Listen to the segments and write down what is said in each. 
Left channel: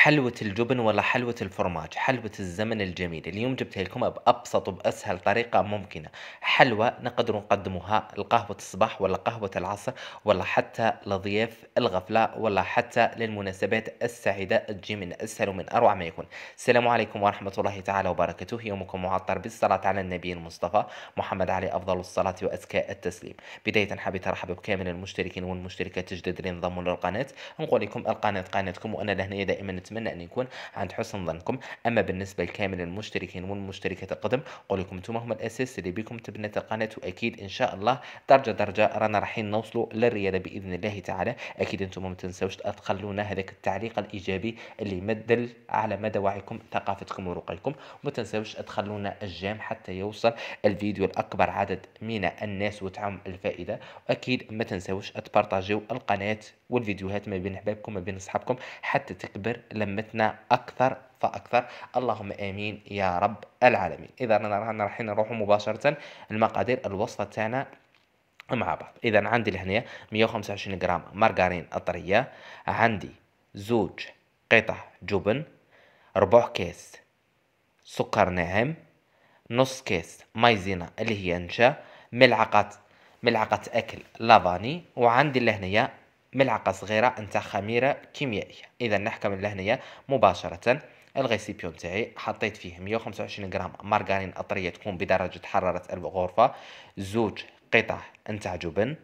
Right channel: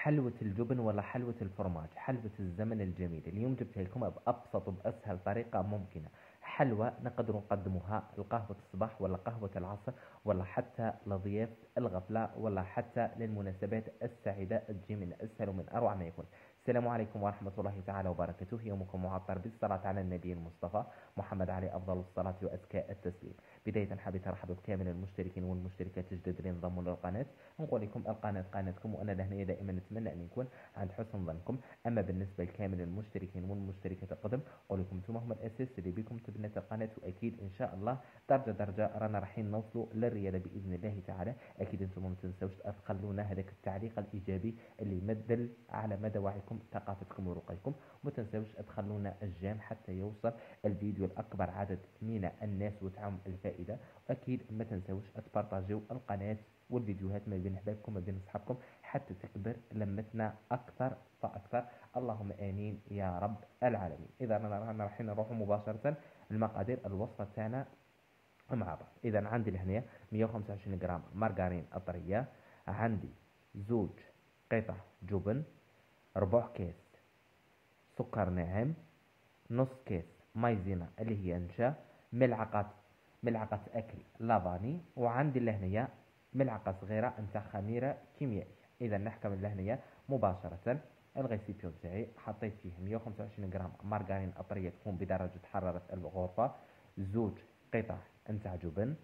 حلوة الجبن ولا حلوة الفرماج؟ حلوة الزمن الجميل. اليوم جبتها لكم بأبسط وبأسهل طريقة ممكنة. حلوة نقدر نقدموها لقهوة الصباح ولا قهوة العصر، ولا حتى لضياف الغفلة، ولا حتى للمناسبات السعيدة. تجي من أسهل ومن أروع ما يكون. السلام عليكم ورحمة الله تعالى وبركاته. يومكم معطر بالصلاة على النبي المصطفى محمد عليه أفضل الصلاة وأزكى التسليم. بداية حبيت أرحب بكامل المشتركين والمشتركات الجدد اللي انضموا للقناة. نقول لكم القناة قناتكم، وأنا لهنا دائما نتمنى أن يكون عند حسن ظنكم. أما بالنسبة لكامل المشتركين والمشتركات القدم، نقول لكم انتم هم الأساس اللي بكم تبنت القناة، وأكيد إن شاء الله درجة درجة رانا رايحين نوصلوا للرياضة بإذن الله تعالى. أكيد انتم ما تنسوش تخلونا هذاك التعليق الإيجابي اللي يمدل على مدى وعيكم ثقافتكم ورقيكم. وما تنسوش تخلونا الجام حتى يوصل الفيديو لأكبر عدد من الناس وتعم الفائدة. واكيد ما تنسوش تبارطاجيو القناه والفيديوهات ما بين احبابكم ما بين اصحابكم حتى تكبر لمتنا اكثر فاكثر. اللهم امين يا رب العالمين. اذا رانا رايحين نروحوا مباشره المقادير الوصفه تاعنا مع بعض. اذا عندي لهنا 125 غرام مارغرين طريه، عندي زوج قطع جبن، ربع كيس سكر ناعم، نص كيس مايزينا اللي هي نشا، ملعقة ملعقة أكل لافاني، وعندي لهنية ملعقة صغيرة نتاع خميرة كيميائية. إذا نحكم لهنية مباشرة. الغيسيبيون تاعي حطيت فيه 125 غرام مارغرين أطرية تكون بدرجة حرارة الغرفة، زوج قطع نتاع جبن،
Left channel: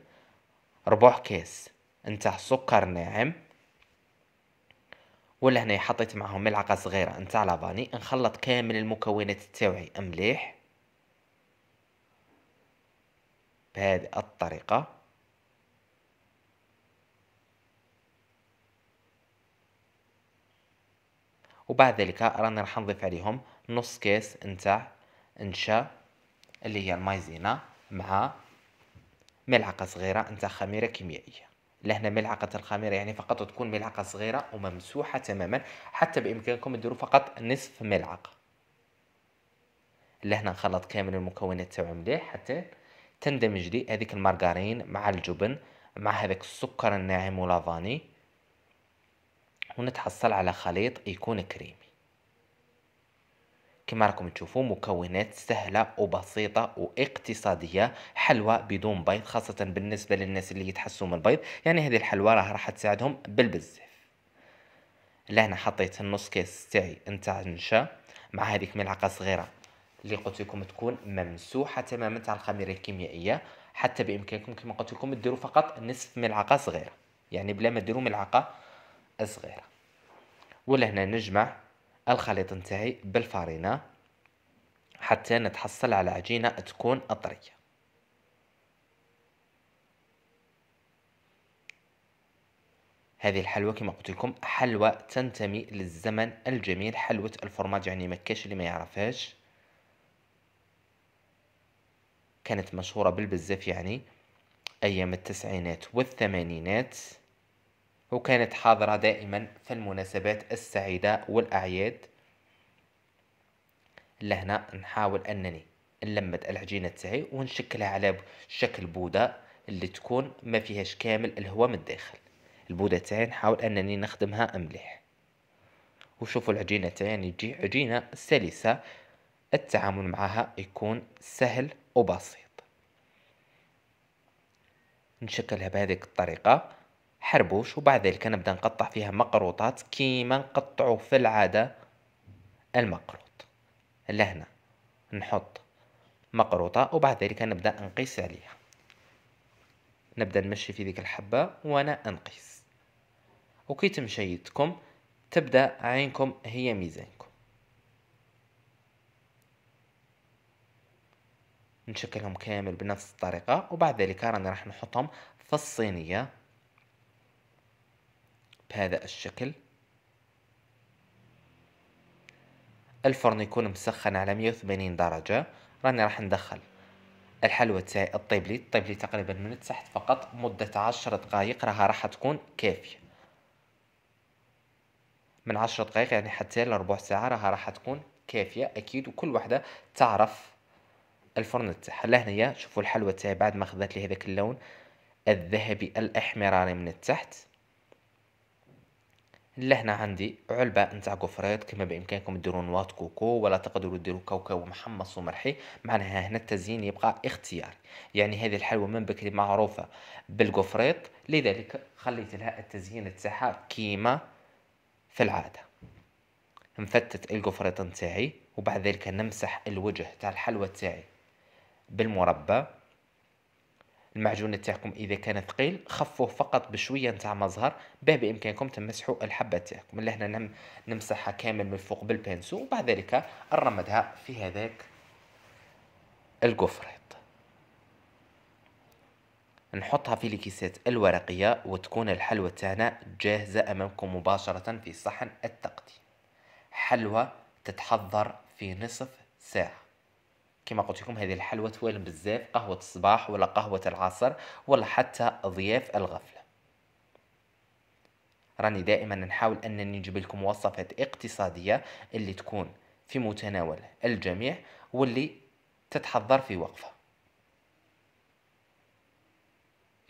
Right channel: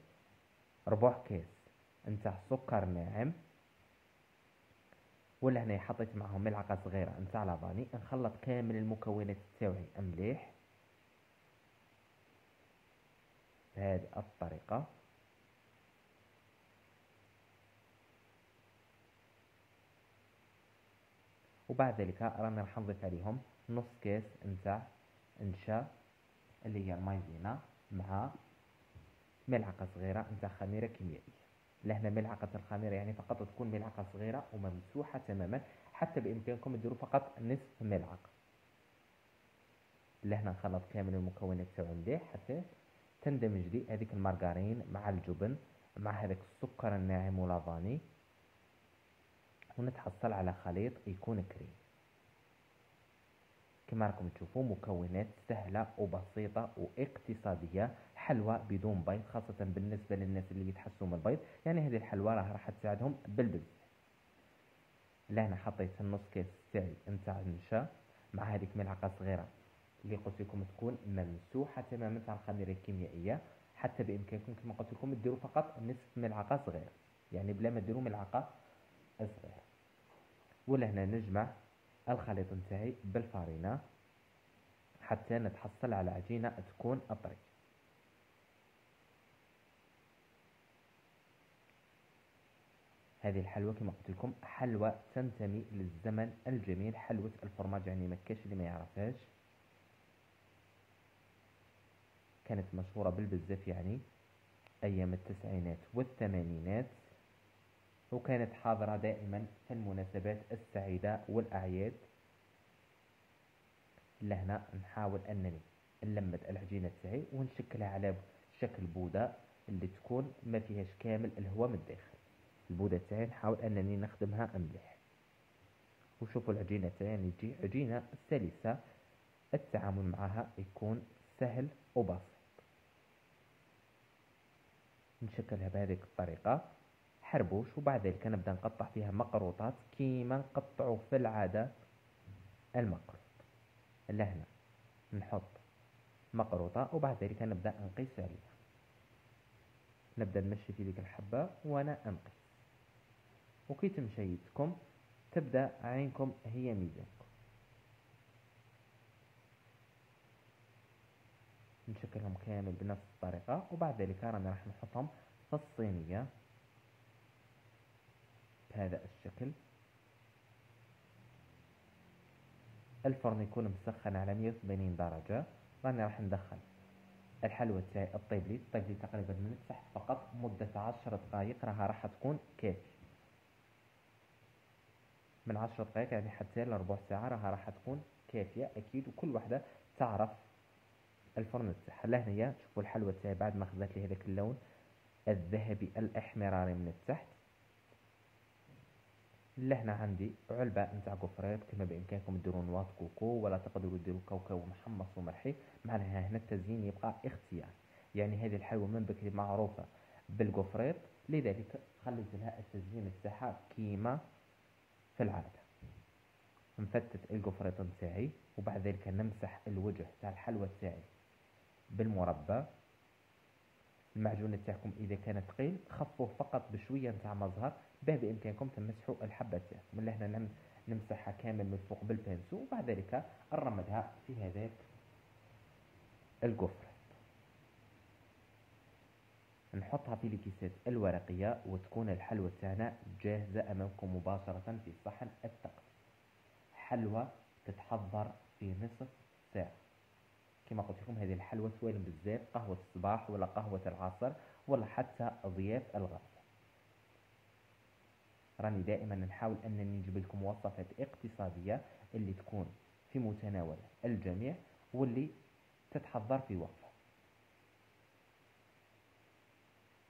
ربع كيس نتاع سكر ناعم، ولا هنا حطيت معهم ملعقة صغيرة نتاع لافاني. نخلط كامل المكونات تاوعي مليح بهذه الطريقة. وبعد ذلك رانا راح نضيف عليهم نص كيس نتاع نشا اللي هي المايزينا، مع ملعقة صغيرة نتاع خميرة كيميائية. لهنا ملعقة الخميرة يعني فقط تكون ملعقة صغيرة وممسوحة تماما، حتى بإمكانكم تديروا فقط نصف ملعقة. لهنا نخلط كامل المكونات تاعو مليح حتى تندمج لي هذيك المارغرين مع الجبن مع هذاك السكر الناعم ولافاني، ونتحصل على خليط يكون كريمي. كما راكم تشوفوا مكونات سهلة وبسيطة واقتصادية، حلوى بدون بيض خاصة بالنسبة للناس اللي يتحسوا من البيض. يعني هذه الحلوى راح تساعدهم بالبزاف. لهنا حطيت النص كيس تاعي نتاع النشا مع هذيك ملعقة صغيرة اللي قلت لكم تكون ممسوحة تماما تاع الخميرة الكيميائية. حتى بإمكانكم كما قلت لكم ديروا فقط نصف ملعقة صغيرة، يعني بلا ما ديروا ملعقة صغيرة. ولهنا نجمع الخليط نتاعي بالفارينة حتى نتحصل على عجينة تكون طرية. هذه الحلوى كما قلت لكم حلوى تنتمي للزمن الجميل، حلوى الفرماج، يعني مكاش اللي ما يعرفهاش. كانت مشهورة بالبزاف يعني أيام التسعينات والثمانينات، وكانت حاضرة دائما في المناسبات السعيدة والأعياد. لهنا نحاول أنني نلمد العجينة تاعي ونشكلها على شكل بودة اللي تكون ما فيهاش كامل الهواء من الداخل. البودة تاعي نحاول أنني نخدمها مليح. وشوفوا العجينة تاعي يعني تجي عجينة سلسة، التعامل معها يكون سهل وبسيط. نشكلها بهذه الطريقة حربوش، وبعد ذلك نبدأ نقطع فيها مقروطات كيما نقطعوا في العادة المقروط. لهنا نحط مقروطة وبعد ذلك نبدأ نقيس عليها. نبدأ نمشي في ذيك الحبة وأنا نقيس، وكي تمشي يدكم تبدأ عينكم هي ميزانكم. نشكلهم كامل بنفس الطريقة، وبعد ذلك رانا راح نحطهم في الصينية بهذا الشكل. الفرن يكون مسخن على 180 درجة. راني راح ندخل الحلوى تاعي الطيب لي تقريبا من التحت فقط مدة 10 دقائق، راح تكون كافية. من 10 دقائق يعني حتى لربع ساعة راح تكون كافية أكيد، وكل واحدة تعرف الفرن تاعها. لهنايا شوفوا الحلوى تاعي بعد ما خذت لي هذاك اللون الذهبي الإحمراري من التحت. لهنا عندي علبة نتاع قفريط، كما بإمكانكم ديروا نواة كوكو ولا تقدروا ديروا كاوكاو محمص ومرحي. معناها هنا التزيين يبقى اختياري، يعني هذه الحلوى من بكري معروفة بالقفريط، لذلك خليت لها التزيين تاعها كيما في العادة. نفتت القفريط نتاعي وبعد ذلك نمسح الوجه تاع الحلوى تاعي بالمربى. المعجون تاعكم اذا كان ثقيل خفوه فقط بشويه نتاع مزهر، به بامكانكم تمسحوا الحبه تاعكم. اللي هنا نمسحها كامل من الفوق بالبنسو، وبعد ذلك نرمدها في هذاك القفريط، نحطها في الكيسات الورقيه، وتكون الحلوى تاعنا جاهزه امامكم مباشره في صحن التقديم. حلوى تتحضر في نصف ساعه. كما قلت لكم هذه الحلوى توالم بزاف قهوة الصباح ولا قهوة العصر ولا حتى ضياف الغفلة. راني دائما نحاول أنني نجيب لكم وصفات اقتصادية اللي تكون في متناول الجميع واللي تتحضر في وقفة.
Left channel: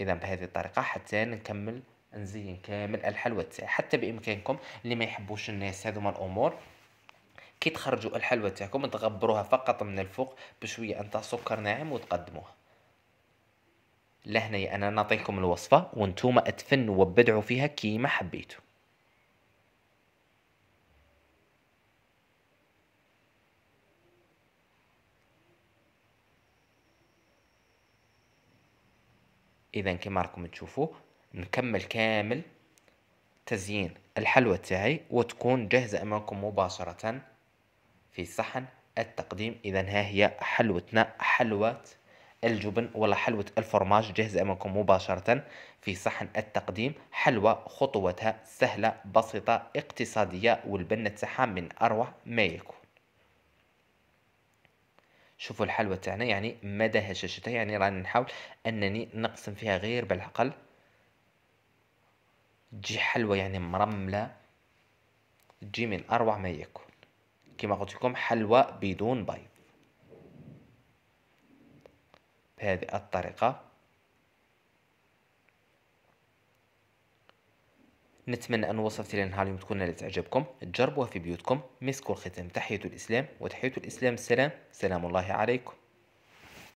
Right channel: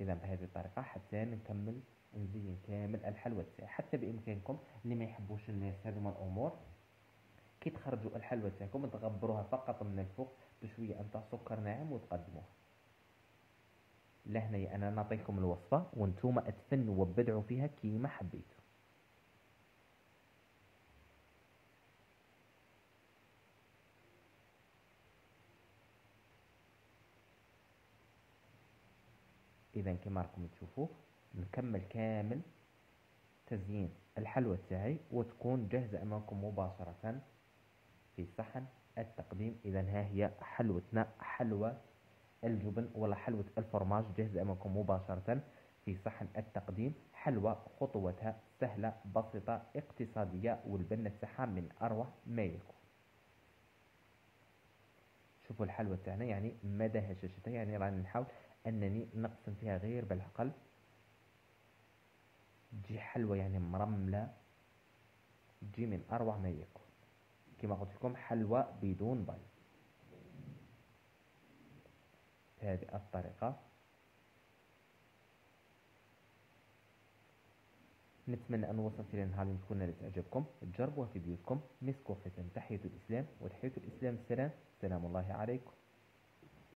إذا بهذه الطريقة حتى نكمل نزين كامل الحلوى تاعي. حتى بإمكانكم اللي ما يحبوش الناس هذوما الأمور، كي تخرجوا الحلوى تاعكم تغبروها فقط من الفوق بشوية نتاع سكر ناعم وتقدموها. لهنا انا نعطيكم الوصفة وانتوما اتفنوا وابدعوا فيها كيما حبيتوا. اذا كما راكم تشوفوا نكمل كامل تزيين الحلوى تاعي وتكون جاهزة امامكم مباشرة في صحن التقديم. اذا ها هي حلوتنا، حلوة الجبن ولا حلوة الفرماج جاهزة امامكم مباشرة في صحن التقديم. حلوة خطوتها سهلة بسيطة اقتصادية والبنة تاعها من اروع ما يكون. شوفوا الحلوى تاعنا يعني مدى هشاشتها، يعني راني نحاول انني نقسم فيها غير بالعقل، تجي حلوى يعني مرملة، تجي من اروع ما يكون. كما قلت لكم حلوى بدون بيض بهذه الطريقة. نتمنى أن وصلت إلى نهار اليوم تكون نالت إعجابكم. تجربوها في بيوتكم. مسك الختام. تحية الإسلام، وتحية الإسلام السلام. سلام الله عليكم.